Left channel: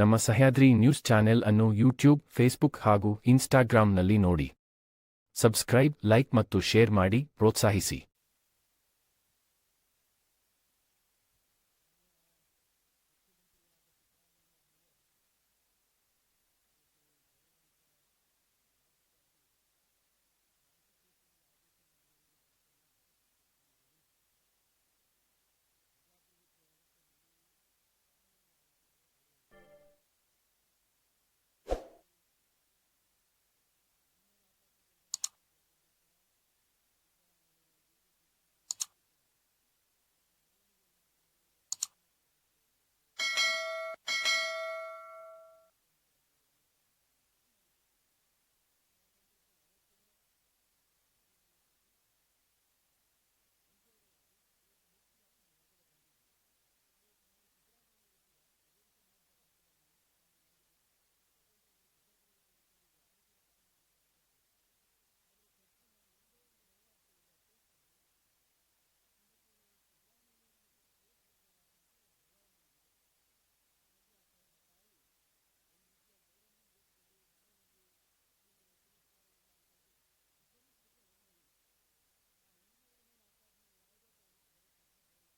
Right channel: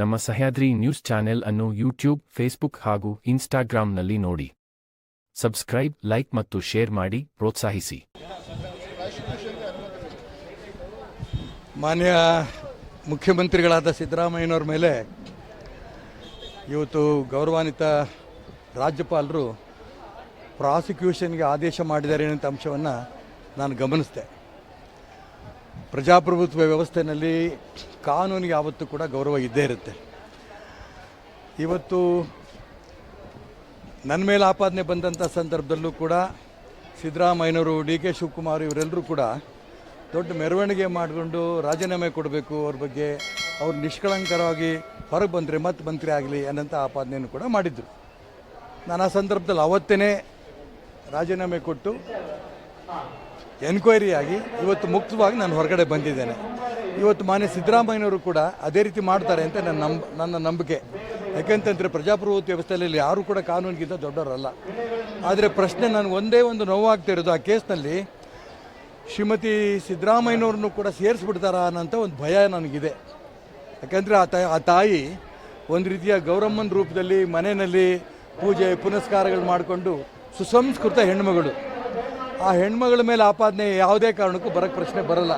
ನಮ್ಮ Sahyadri news channel ಅನ್ನು YouTube, Facebook ಹಾಗೂ ಇನ್ಸ್ಟಾಗ್ರಾಂನಲ್ಲಿ ನೋಡಿ. ಸಬ್ಸ್ಕ್ರೈಬ್, ಲೈಕ್ ಮತ್ತು ಶೇರ್ ಮಾಡಿ, ಪ್ರೋತ್ಸಾಹಿಸಿ. ಮಾನ್ಯ ಮುಖ್ಯಮಂತ್ರಿಗಳಾದ ಸಿದ್ದರಾಮಯ್ಯನವ್ರ ಮೇಲೆ ಇವತ್ತು ಗೌರವಾನ್ವಿತ ರಾಜ್ಯಪಾಲರು ಪ್ರಾಸಿಕ್ಯೂಷನ್ಗೆ ಆದೇಶ ಮಾಡಿದ್ದಾರೆ ಅಂತ ಅಂಶವನ್ನು ನಾನು ಗಮನಿಸಿದೆ ಪ್ರಜಾಪ್ರಭುತ್ವ ವ್ಯವಸ್ಥೆಯಲ್ಲಿ ಕಾನೂನಿಗೆ ಯಾವತ್ತೂ ಕೂಡ ಗೌರವ ಇದ್ದೇ ಇರುತ್ತೆ. ಇವತ್ತು ನನ್ನ ಮೇಲೆ ಆಪಾದನೆ ಬಂದಂಥ ಸಂದರ್ಭದಲ್ಲೂ ಕೂಡ ಸಿದ್ದರಾಮಯ್ಯನವರು, ಡಿ ಕೆ ಶಿವಕುಮಾರ್ ಇವರೆಲ್ಲರೂ ಕೂಡ ದೊಡ್ಡ ಮೆರವಣಿಗೆ ಮಾಡಿಕೊಂಡು ರಾಜೀನಾಮೆ ಕೊಡಬೇಕು ಅವ್ರ ಬಗ್ಗೆ. ಅವ್ರು ನಿಷ್ಕಳಂಕರವಾಗಿ ಹೊರಗೆ ಬಂದರೆ ಮತ್ತೆ ಮಂತ್ರಿ ಆಗಲಿ ಅನ್ನಂಥ ಆಪಾದನೆಯನ್ನು ಕೂಡ ಮಾಡಿದ್ದರು ನಾನು ಆ ಸಂದರ್ಭದಲ್ಲಿ ಅವತ್ತೇ ರಾಜೀನಾಮೆ ಕೊಟ್ಟು ಎನ್ಕ್ವೈರಿ ಆಗಿ ಇವತ್ತು ಮುಕ್ತವಾಗಿ ನಾನು ಹೊರಗಡೆ ಬಂದಿದ್ದೇನೆ. ಇವತ್ತು ಮಾನ್ಯ ಸಿದ್ದರಾಮಯ್ಯನವರು ಕೂಡ ಅದೇ ರೀತಿ ಮಾಡ್ತಾರೆ ಅಂತ ನನ್ನ ನಂಬ, ನನ್ನ ನಂಬಿಕೆ. ಯಾಕೆಂತಂದರೆ ಪ್ರಜಾಪ್ರಭುತ್ವ ವ್ಯವಸ್ಥೆಯಲ್ಲಿ ಯಾರೂ ಕೂಡ ಕಾನೂನಿಗಿಂತ ದೊಡ್ಡವರಲ್ಲ. ಆದರೆ ಪ್ರಶ್ನೆ ನಾನು ಒಂದೇ ಒಂದು ನೋವಾಗ್ತಾ ಇರೋದು ಆ ಕೇಸ್ನಲ್ಲಿ. ಶ್ರೀಮತಿ ಸಿದ್ದರಾಮಯ್ಯನವ್ರನ್ನು ಕೂಡ ಸೇರಿಸ್ಬಿಡ್ತಾರಾ ಅನ್ನೋಂಥ ಒಂದು ಭಯ ನನಗಿದೆ. ಯಾಕೆಂದರೆ ಆ ತಾಯಿ ಆ ತಾಯಿ ಒಂದು ರೀತಿಯ ಗೌರಮ್ಮನ ರೂಪದಲ್ಲಿ ಮನೆಯಲ್ಲಿ ಪೂಜೆ ಪುನಸ್ಕಾರಗಳು ಮಾಡಿಕೊಂಡು ಸುಸಂಸ್ಕೃತ ಹೆಣ್ಮಗಳು ಆ ಹೆಣ್ಮಗಳ ಮೇಲೆ ಆಪಾದನೆ ಯಾವುದೇ ಕಾರಣಕ್ಕೂ ಬರೋಕ್ಕೆ ಪ್ರಶ್ನೆ ಬರಲ್ಲ.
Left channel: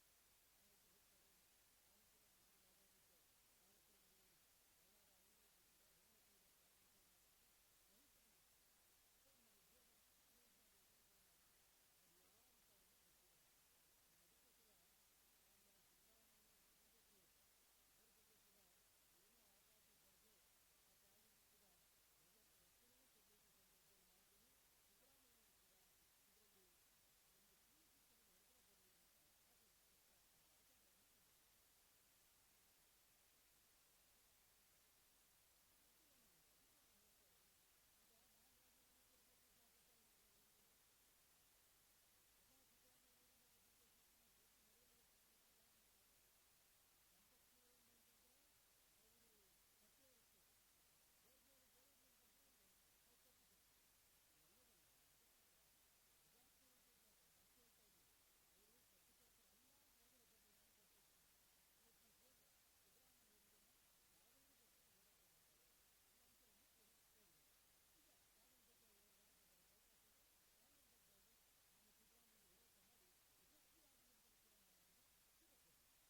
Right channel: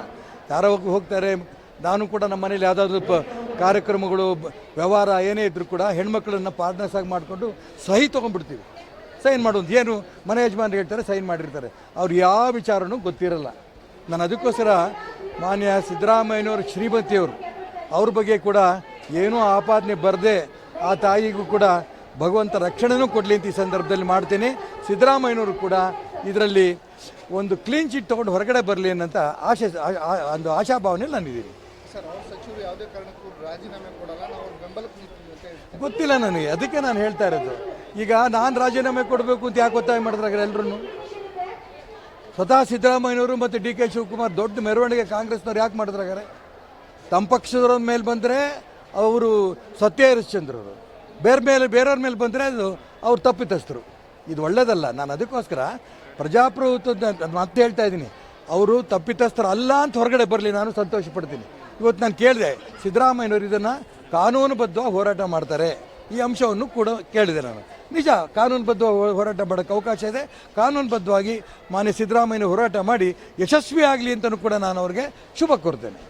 ಯಾರೋ ಹೋಗ್- ಹೋಗ್ತಾರೆ, ನಾನು ಕೂಡ ನಮ್ಮ ಮನೇಲಿ ಯಾವುದಾದ್ರೂ ಕಾರ್ಯಕ್ರಮಗಳು ವ್ಯವಹಾರ ಏನೇ ಇದ್ದರೂ ಕೂಡ ಹೆಣ್ಮಕ್ಳನ್ನು ಪಾರ್ಟ್ನರ್ಸ್ ಆಗಿ ಮಾಡಿಕೊಂಡು ಸಹಿ ತೊಗೊಂಡ್ಬಿಡ್ತೀವಿ. ಸೈನ್ ಮಾಡೋದು ಏನು? ಮನೆ ಯಜಮಾನ್ರು ಹೇಳ್ತಾರೆ, ಸೈನ್ ಮಾಡಿರ್ತಾರೆ. ಅವ್ರು ಯಾವ ವಿಚಾರನೂ ಗೊತ್ತಿರಲ್ಲ. ನಾನು ಅದಕ್ಕೋಸ್ಕರ ಮಾನ್ಯ ಸಿದ್ದರಾಮಯ್ಯನವರು, ಶ್ರೀಮತಿಯವರು, ಅವ್ರ ಬಗ್ಗೆ ಕೂಡ ಏನೂ ಆಪಾದನೆ ಬರದೆ ಆ ತಾಯಿಗೂ ಕೂಡ ಭಗವಂತ ರಕ್ಷಣೆನೂ ಕೊಡಲಿ ಅಂತ ಈ ಸಂದರ್ಭದಲ್ಲಿ ಮಾಡ್ತೇನೆ. ಸಿದ್ದರಾಮಯ್ಯನವರು ಕೂಡ ಇದರಲ್ಲಿ ಒಂದು ಕ್ಲೀನ್ ಚಿಟ್ ತೊಗೊಂಡು ಹೊರಗಡೆ ಬರಲಿ ಅನ್ನೋಂಥ ಆಶೆ ಒಂದು ಆಶಾಭಾವನೆಯಲ್ಲಿ ನಾನಿದ್ದೀನಿ ಗೊತ್ತಿಲ್ಲ ನನಗೆ ಅದಕ್ಕೆ ನಾನು ಹೇಳ್ತಾ ಇರೋದು. ಈಗ ನಾನು ರಾಜೀನಾಮೆ ಕೊಡಬೇಕು ಅಂತ ಯಾಕೆ ಒತ್ತಾಯ ಮಾಡಿದ್ರೆ ಎಲ್ಲರೂ ಸ್ವತಃ ಸಿದ್ದರಾಮಯ್ಯನವರು ಮತ್ತು ಡಿ ಕೆ ಶಿವಕುಮಾರ್ ದೊಡ್ಡ ಮೆರವಣಿಗೆ ಕಾಂಗ್ರೆಸ್ನವ್ರು ಯಾಕೆ ಮಾಡಿದ್ರಾಗಾರೆ ತಮ್ಮ ಪಕ್ಷದವ್ರ ಮೇಲೆ ಬಂದರೆ ಅವರು ಸತ್ಯ ಹರಿಶ್ಚಂದ್ರರು. ಬೇರೆ ಮೇಲೆ ಬೇರೆಯವ್ರ ಮೇಲೆ ಬಂದರೆ ಅದು ಅವ್ರು ತಪ್ಪಿತಸ್ಥರು. ಇದು ಒಳ್ಳೇದಲ್ಲ ನಾನು ಅದಕ್ಕೋಸ್ಕರ ಪ್ರಜಾಪ್ರಭುತ್ವದ ಮತ್ತೆ ಹೇಳ್ತಾ ಇದ್ದೀನಿ. ಅವರು ತಪ್ಪಿತಸ್ಥರು ಅಲ್ಲ ಅಂತ ಹೊರಗಡೆ ಬರಲಿ, ನಾನು ಸಂತೋಷ ಪಡ್ತೀನಿ ಇವತ್ತು ನಾನು ಕೇಳಿದೆ, ಸಿದ್ದರಾಮಯ್ಯನವರು ಇದನ್ನು ಕಾನೂನುಬದ್ಧವಾಗಿ ಹೋರಾಟ ಮಾಡ್ತಾರೆ. ಈ ಅಂಶವನ್ನು ಕೂಡ ಕೇಳಿದೆ ನಾನು. ನಿಜ ಕಾನೂನುಬದ್ಧ ಹೋರಾಟ ಮಾಡೋಕ್ಕೆ ಅವಕಾಶ ಇದೆ. ಕಾನೂನುಬದ್ಧವಾಗಿ ಮಾನ್ಯ ಸಿದ್ದರಾಮಯ್ಯ ಹೋರಾಟ ಮಾಡಿ ಯಶಸ್ವಿ ಆಗಲಿ ಅಂತಲೂ ಕೂಡ ನಾನು ಅವ್ರಿಗೆ ಶುಭ ಕೋರ್ತೇನೆ.